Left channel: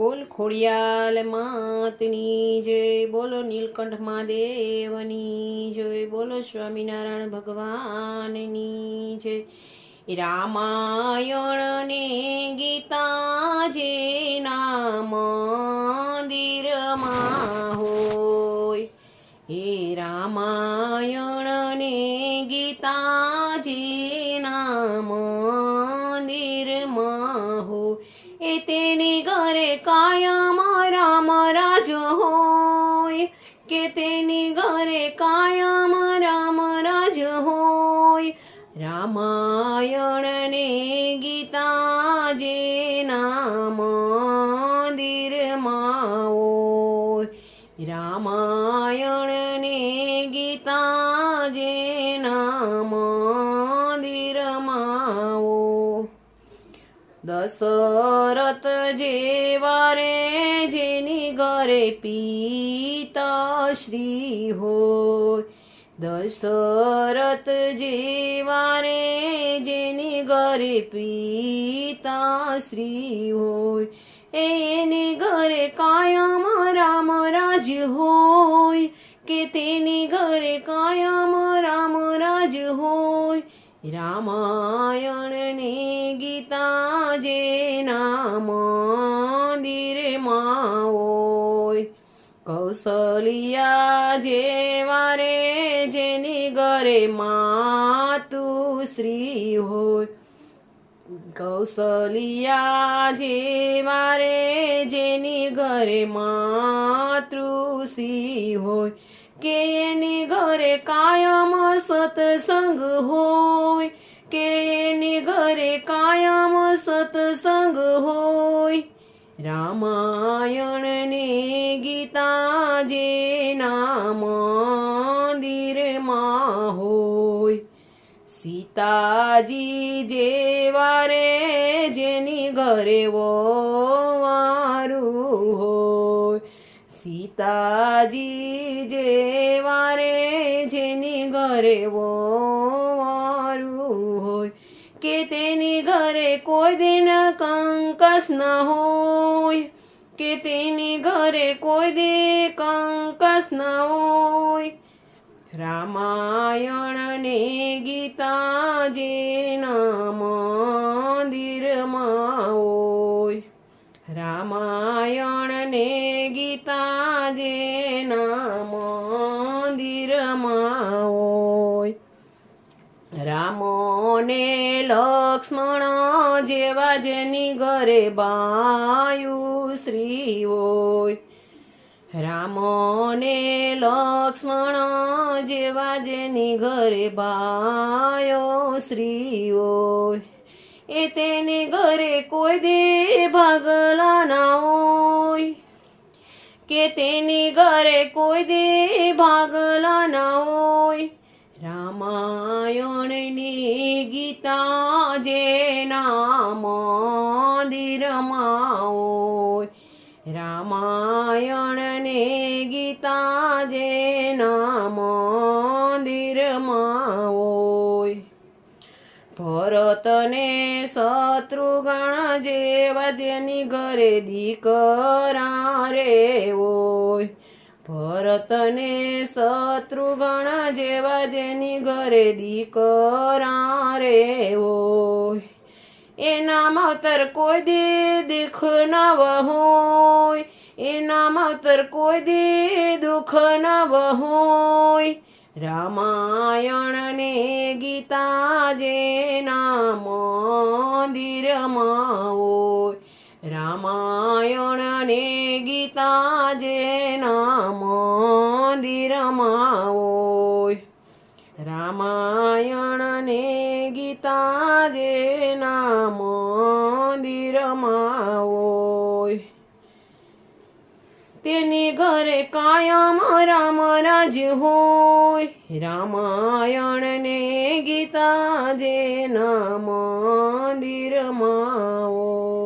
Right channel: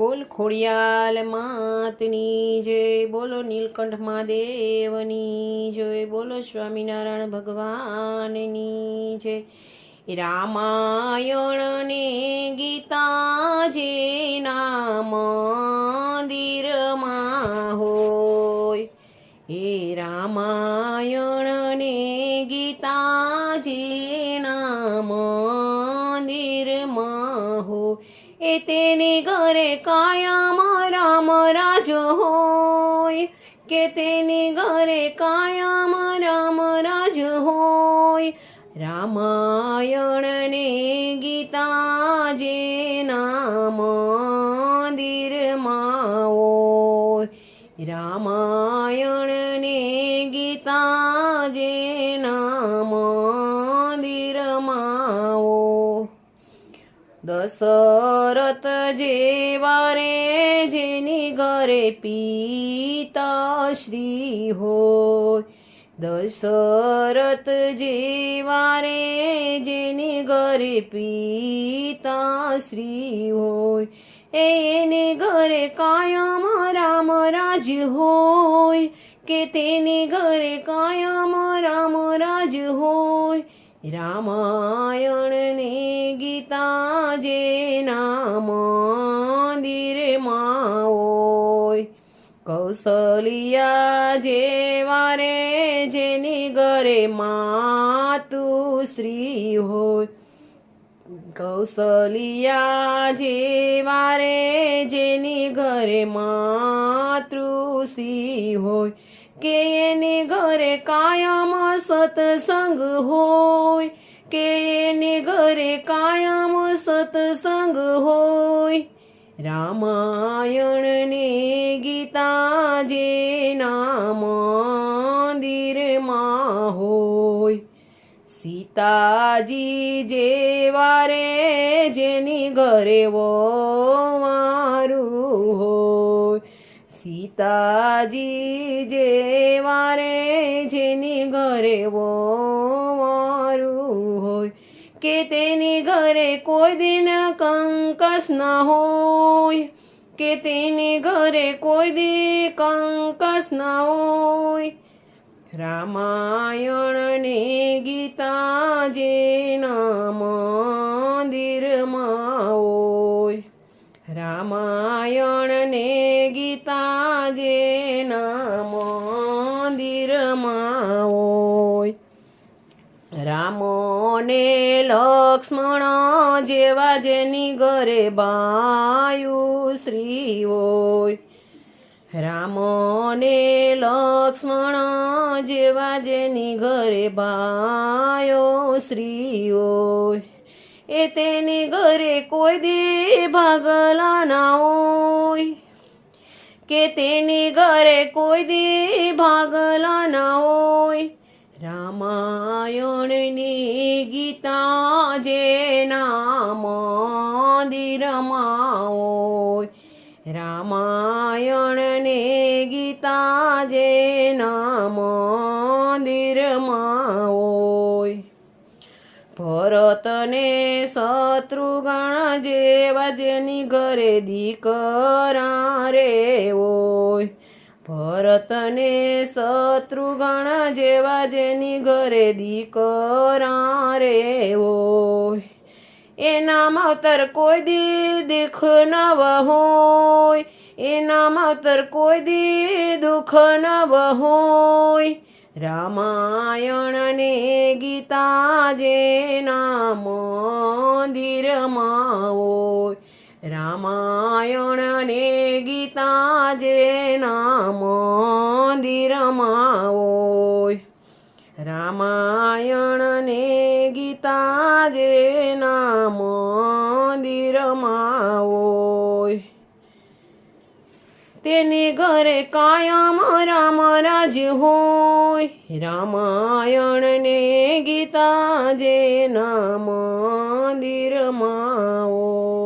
બોલ ખોડિયાલ માતની જય, બોલો નીલકંઠ મહાદેવની જય, બોલો સ્વામિનારાયણ ભગવાનની જય. રામાયણ ને ગીતા જેના મંદિરમાં હોય, એ રામાયણ ને ગીતા જેના મંદિરમાં હોય, એ તેની ઘરે કાયમ રામ રાજ હોય, કે તેની ઘરે કાયમ રામ રાજ હોય. રામાયણ ને ગીતા જેના મંદિરમાં હોય, રામાયણ ને ગીતા જેના મંદિરમાં હોય. દશરથ જેવા રે જેની ઘરે પિતાશ્રી હોય, દશરથ જેવા રે જેની ઘરે પિતાશ્રી હોય, એની ઘરે કાયમ રામ રાજ હોય, કે તેની ઘરે કાયમ રામ રાજ હોય. રામાયણ ને ગીતા જેના મંદિરમાં હોય, કૌશલ્યા જેવા રે જેની ઘરે માતુશ્રી હોય, કૌશલ્યા જેવા રે જેની ઘરે માતૃશ્રી હોય, કે એની ઘરે કાયમ સત્સંગ હોય, કે એની ઘરે કાયમ સત્સંગ હોય. રામાયણ ને ગીતા જેના મંદિરમાં હોય, સીતાજી જેવા રે જેની ઘરે વવારું હોય, સીતાજી જેવા રે જેની ઘરે વવારું હોય, કે તેની ઘરે કોઈ દિન કંકાસ ન હોય, કે તેની ઘરે કોઈ દી કંકાસ ન હોય. રામાયણ ને ગીતા જેના મંદિરમાં હોય, રામાયણ ને ગીતા જેના મંદિરમાં હોય. રામ ને લક્ષ્મણ જેવા જેની ઘરે બાયુશ્રી હોય, રામ ને લક્ષ્મણ જેવા જેની ઘરે બાયોશ્રી હોય, એ તેની ઘરે કોઈ દી ભાગલા ના હોય, કે તેની ઘરે કોઈ દી ભાગલા ના હોય. રામાયણ ની ગીતા જેના મંદિરમાં હોય, રામાયણ ને ગીતા જેના મંદિરમાં હોય. ભરત ને શત્રુઘ્ન જેવા જેની ઘરે દીકરા રે હોય, ભરત ને શત્રુઘ્ન જેવા જેની ઘરે દીકરા રે હોય, એના માવતર કોઈ દી દુઃખ ન હોય, એના માવતર કોઈ દી દુઃખ ન હોય. રામાયણ ને ગીતા જેના મંદિરમાં હોય, રામાયણ ને ગીતા જેના મંદિરમાં હોય, રામાયણ ને ગીતા જેના મંદિરમાં હોય. તેની ઘરે કાયમ રામ રાજ હોય, રામાયણ ને ગીતા જેના મંદિરમાં હોય.